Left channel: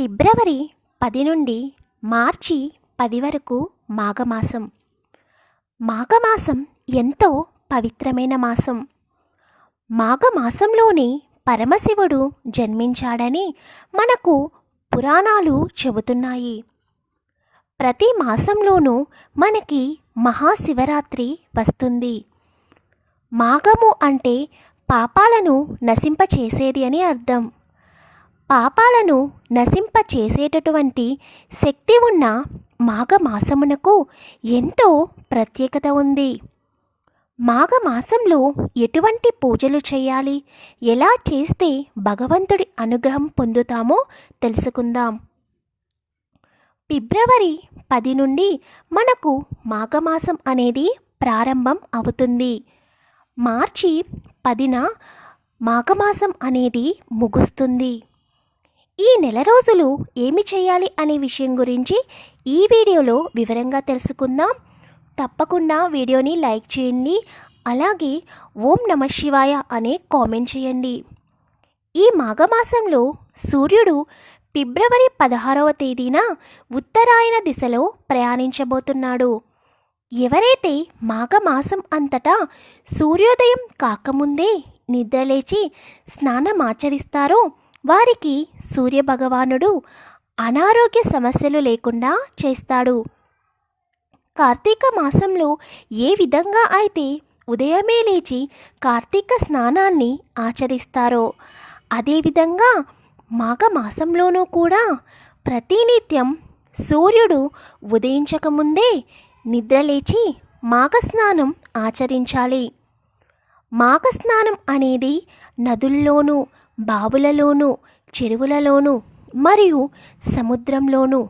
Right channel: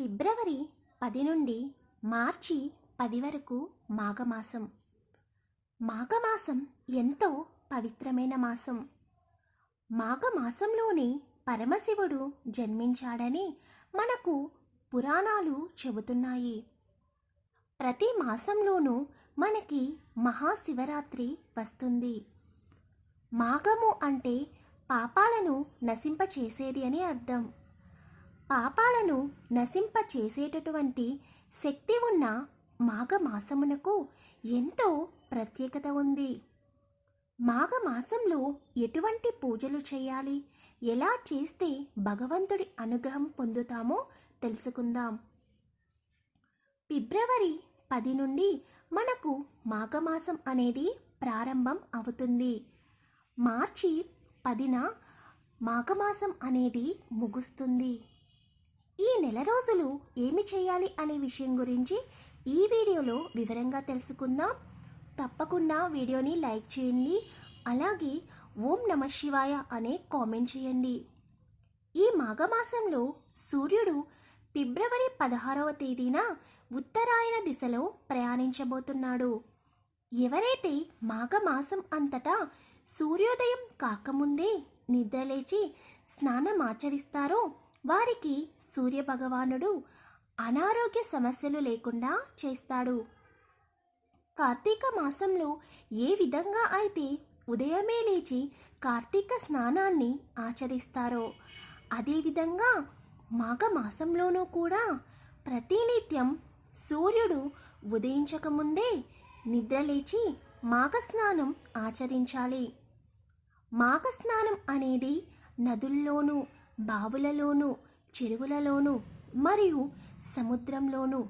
ఫిబ్రవరి పది నుండి మార్చి పది వరకు మాఘమాసం. మాఘమాసం ఎంతో పవిత్రమైన మాసం. మాఘమాసంలోనే పరమశివుడు జన్మించాడని మనకు పురాణాలు చెబుతున్నాయి. ప్రతి మాసంలోనూ మనకి మహాశివరాత్రి వస్తుంది. మాఘము అంటే పాపాలను నశింపచేసేది అని అర్థం. పాపాలను నశింపచేసేటటువంటి శక్తి ఉన్న మాఘమాసమునకు ఎంతో ప్రత్యేకత ఉంది. మాఘమాసంలో ఎటువంటి పూజలు చేయాలి? ఎలా చేస్తే భగవంతుడి అనుగ్రహం పొందుతామో తెలుసుకుందాం. ఫిబ్రవరి పది నుండి మనకు మాఘమాసం అనేది ప్రారంభం అవుతుంది. మార్చి పదిన మాఘమాసం అనేది ముగుస్తుంది. ఈ నెల రోజులు ఏమి చేయాలి అనే విషయం గురించి ఈ వీడియోలో వివరంగా తెలుసుకుందాం. తప్పకుండా వీడియోని లైక్ చేయండి. అలాగే ఓం నమ శివాయ అనే కామెంట్ చేయండి. ఈ మాఘమాసంలో సూర్యుడు ఫిబ్రవరి పదహారవ తేదీన ఉత్తరాయణ దిశలో ప్రయాణించబోతున్నాడు. ఎవరైతే మాఘమాసం అంతటా సూర్యోదయం కాకముందే నిద్రలేచి స్నానమాచరిస్తారో వారికి సూర్యభగవానుడు అనారోగ్య సమస్యలు లేకుండా చేస్తాడు. కార్తీక మాసంలో ఏ విధంగా అయితే ఉదయమే లేచి కార్తీక స్నానాన్ని ఆచరిస్తారో అదేవిధంగా మాఘమాసంలోనూ కూడా ప్రతినిత్యం సూర్యుడు ఉదయించకముందే నిద్రలేచి మాఘస్నానం ఆచరించాలి. మాఘస్నానం అనేది నదుల్లోనూ బావులలోనూ చెరువులలోనూ మరియు సముద్రంలోనూ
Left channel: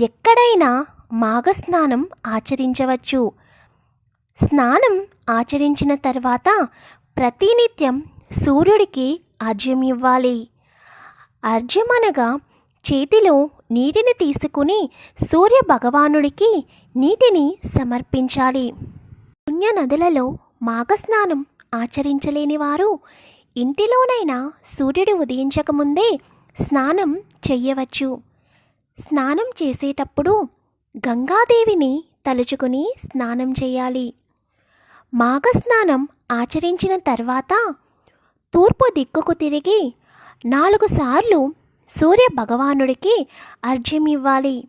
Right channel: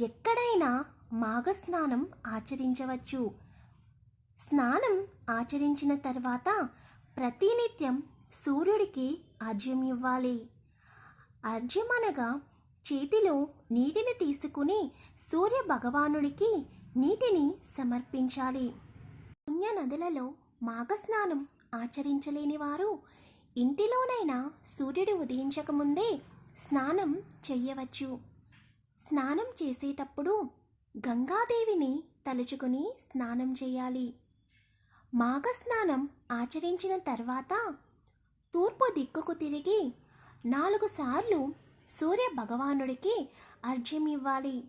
ఎక్కడైనా మాఘస్నానం ఆచరించవచ్చు. స్నానం ఆచరించిన తర్వాత ప్రతినిత్యం సూర్యుడికి అర్ఘ్యం ఇవ్వాలి. అర్ఘ్యం అనగా చేతిలో నీటిని తీసుకుని సూర్య భగవానుడికి నీటిని సమర్పించాలి. పుణ్య నదులలో మాఘస్నానం ఆచరించలేని వారు ఇంటిలోనైనా సూర్యుడు ఉదయించకముందే స్నానం చెయ్యవచ్చు. స్నానం చేసేటప్పుడు గంగాదేవిని తలుచుకుని స్నానం చేయాలి. మాఘ స్నానం ఆచరించిన తర్వాత తూర్పు దిక్కుకు తిరిగి నాలుగు సార్లు సూర్య భగవానుడికి అర్ఘ్యం ఇవ్వాలి.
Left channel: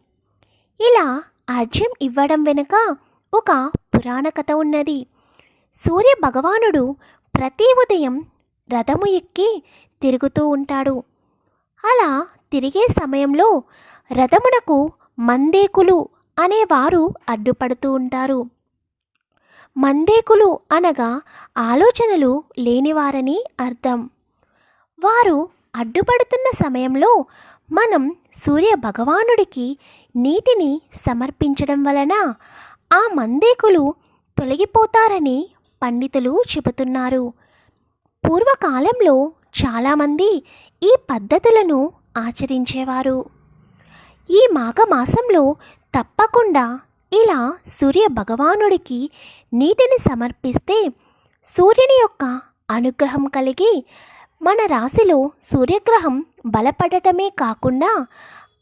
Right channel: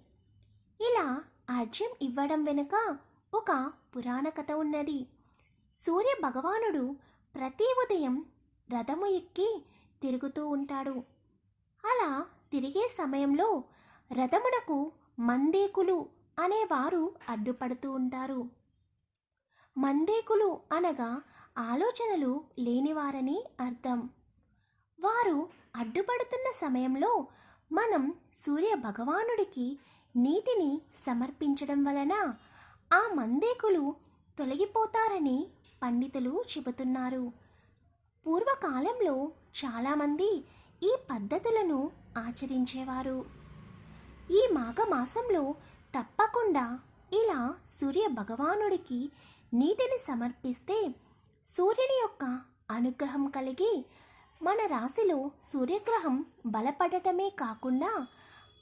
ఇలా అర్ఘ్యం ఇవ్వడం వెనుక ఒక పురాణ కథ ఉన్నది. సూర్య భగవానుడు ప్రతి ఉదయం రథము ఎక్కి తిరుగుతూ ఉంటాడు. అలా తిరిగే సమయంలో రథమునకు మందేకులు అనేవారు అడ్డుపడుతూ ఉంటారు. మందేకులు అనగా ఆలోచనలు లేనివారని అర్థం. వారు అడ్డుపడుతున్న సమయంలో మనం సూర్య భగవానుడికి నీటిని సమర్పించడం వలన ఆ మందేకులు తొలగిపోతారని పండితులు చెబుతున్నారు. పూర్వకాలంలో చాలామంది ఈ పద్ధతులను ఆచరించేవారు. ఈ మాఘమాసంలో తప్పకుండా ఇలా సూర్య భగవానుడికి నీటిని సమర్పిస్తే సూర్యుని యొక్క అనుగ్రహం కలిగి మన రాశిలో సూర్యగ్రహం బలపడటమే కాకుండా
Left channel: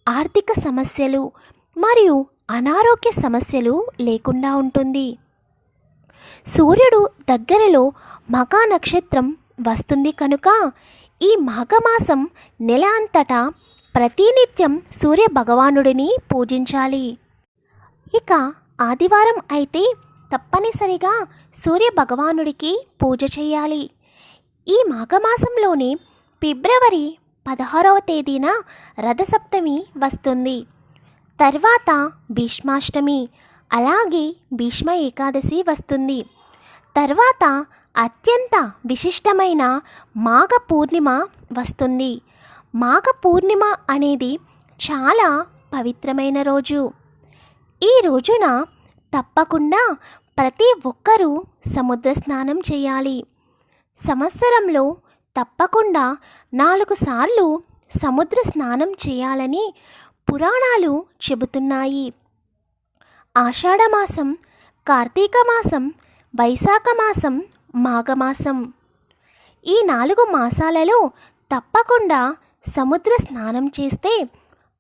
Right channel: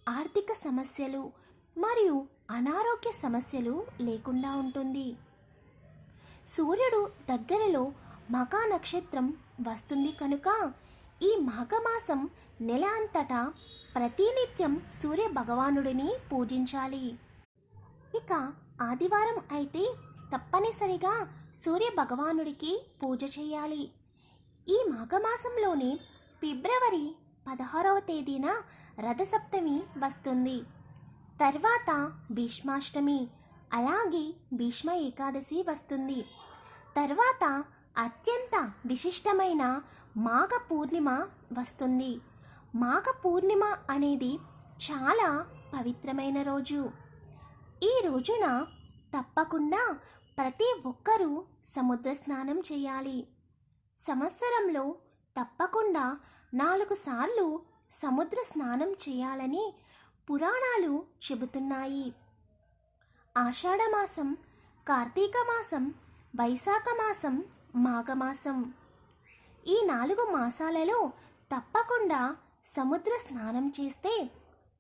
ఆర్థిక సమస్యలు మరియు అనారోగ్య సమస్యలు లేకుండా ఉంటుంది. సూర్యుడు దగ్గరలో మగా నక్షత్రం వస్తుంది కనుక ఈ మాఘమాసం నెల అంతటా ప్రతినిత్యం సూర్య భగవానుడిని పూజించాలి. ఇక ఆదివారం అయితే తప్పనిసరిగా సూర్య భగవానుడికి పూజ చేయాలి. ఈ మాఘమాసంలోనే ఫిబ్రవరి పదహారవ తేదీన రథసప్తమి వస్తుంది. తర్వాత భీష్మాష్టమి అలాగే భీష్మ ఏకాదశి వస్తుంది. తర్వాత అత్యంత విశిష్టమైన మాఘ పూర్ణిమ వస్తుంది. మాఘ పూర్ణిమ అనేది చాలా పవిత్రమైన రోజు. ఈ రోజున తప్పకుండా ప్రతి ఒక్కరూ సముద్ర స్నానం చేయాలి. సంవత్సరంలో తప్పకుండా నాలుగు సార్లు సముద్ర స్నానం చేయాలని పురాణాలు చెబుతున్నాయి. ఆషాఢమాసం కార్తీక మాసం వైశాఖ మాసం మాఘమాసం. ఈ నాలుగు మాసాలలో తప్పకుండా సముద్ర స్నానం చేస్తే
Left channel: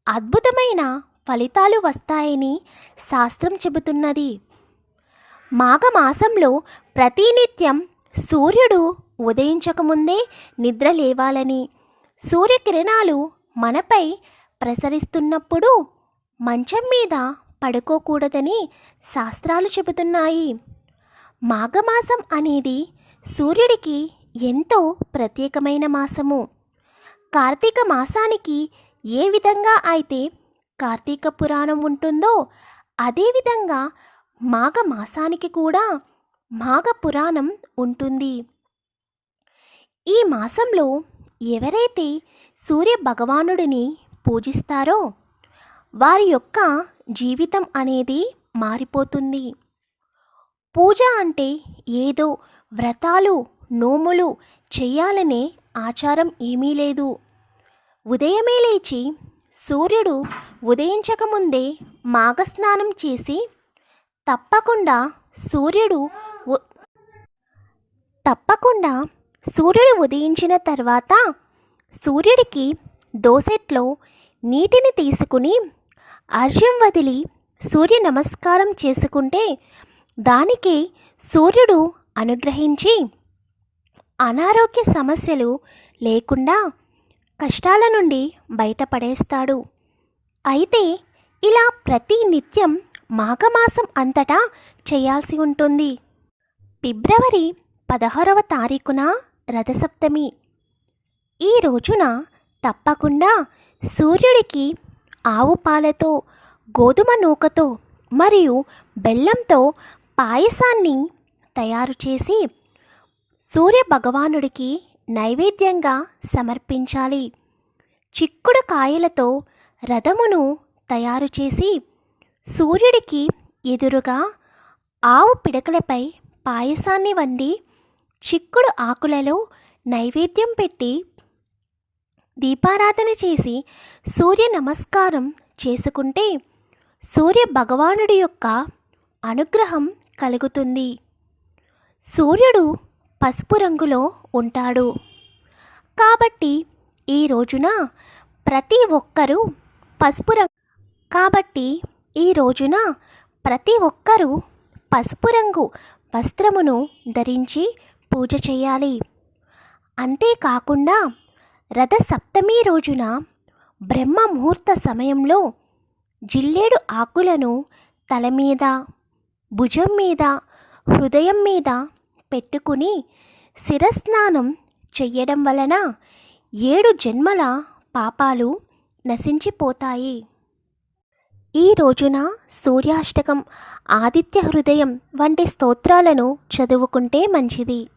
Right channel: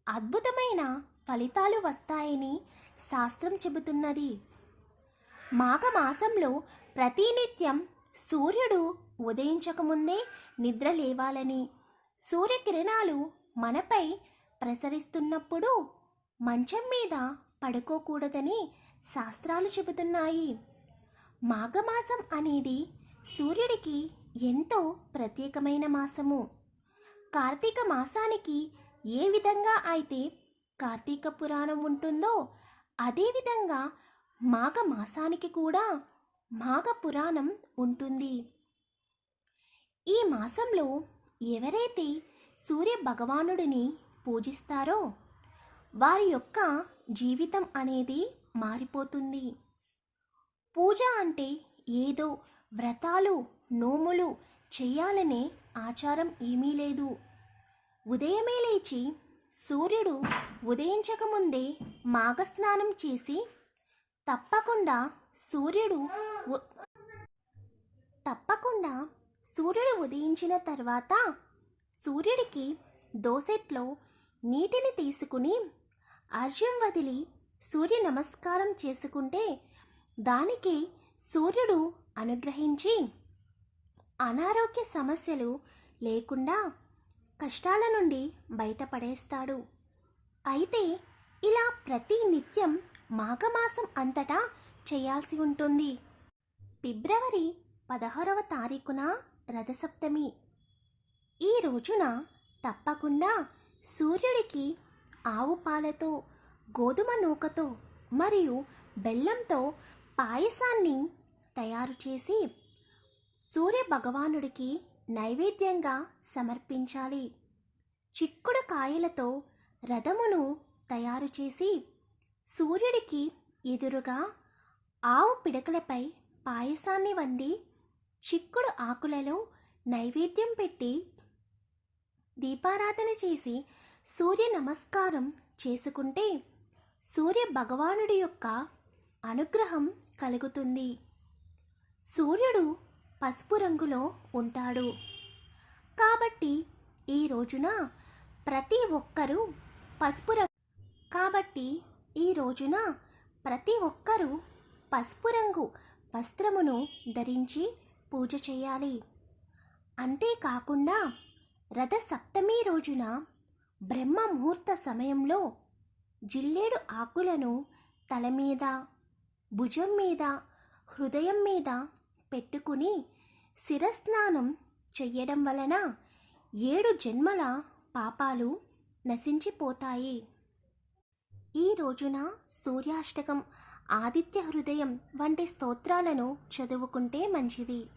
అద్భుతమైన ఫలితాలు వస్తాయని శాస్త్రం చెబుతున్నది. మాఘమాసంలో ప్రతినిత్యం సూర్యుడు ఉదయించకముందే నిద్ర లేవాలని సూర్యకిరణాలు మనపై ప్రసరిస్తున్నప్పుడు మంచం మీద పడుకోకూడదని శాస్త్రాలు చెబుతున్నాయి. మాఘమాసం అనేది సూర్యుడికి ఎంతో ప్రత్యేకమైన మాసము. కార్తీక మాసానికి ఏ విధంగా అయితే కార్తీక పురాణం ఉంటుందో అదేవిధంగా మాఘ మాసానికి కూడా మాఘ పురాణం ఉంటుంది. ఈ మాసంలో ఎవరైతే సూర్య భగవానుడిని పూజిస్తారో వారి యొక్క జీవితం అనేది మారిపోతుంది. పూజ అంటే ఏదో వ్రతాలు నోములు చేయాలనే ఆచారం ఏమీ లేదు. ఉదయమే లేచి సూర్యుడు ఉదయించకముందే మాఘస్నానం చేసి తప్పకుండా సూర్యుడు తప్పకుండా సూర్యుడు ఉదయించిన తర్వాత సూర్యుడికి దోసెట్లో నీటిని తీసుకుని అర్ఘ్యం వదిలి సూర్య నమస్కారం చేసుకుంటే దానికి సూర్యుడు అనుగ్రహించి అనారోగ్య సమస్యలు లేకుండా కష్టాల నుండి బయటపడేస్తాడు. అయితే ఇలా ప్రతి నిత్యం మాఘమాసం అంతటా చేయాల్సి ఉంటుంది. ఫిబ్రవరి పదహారవ తారీఖున రథసప్తమి. ఈ రోజున తప్పకుండా సూర్యుడికి ఆవు పాలతో గోధుమ నూకతో మరియు బెల్లంతో పాయసాన్ని తయారు చేసి సూర్య భగవానుడికి నైవేద్యంగా సమర్పించాలి. చిక్కుడు కాయలతో రథమును తయారు చేసి సూర్యుడికి ఎదురుగా ఆవు పిడకలపై పాయసాన్ని వండి చిక్కుడు ఆకులలో నైవేద్యం పెట్టి దీపారాధన చేసి సూర్య నమస్కారం చేసుకుంటే సూర్య భగవానుడి యొక్క అనుగ్రహం కలుగుతుంది. సూర్యుడు పసుపు రంగులో ఉంటాడు. కాబట్టి ఈ రోజున ప్రతి ఒక్కరూ పసుపు రంగు కాబట్టి ఈ రోజున ప్రతి ఒక్కరూ పసుపు రంగు వస్త్రమును ధరించి పూజ చేయాలి. అంతేకాకుండా రథ సప్తమి రోజున బ్రహ్మ ముహూర్త సమయంలో జిల్లేడు ఆకులను తల మీద భుజం మీద హృదయం మీద పెట్టుకుని శిరస్నానం చెయ్యడం వలన ఏడు జన్మల పాపాలు నశించిపోతాయి. ఈ రోజున సూర్యాష్టకం ఆదిత్య హృదయం వంటి స్తోత్రాలను చదువుకుంటే మంచిది.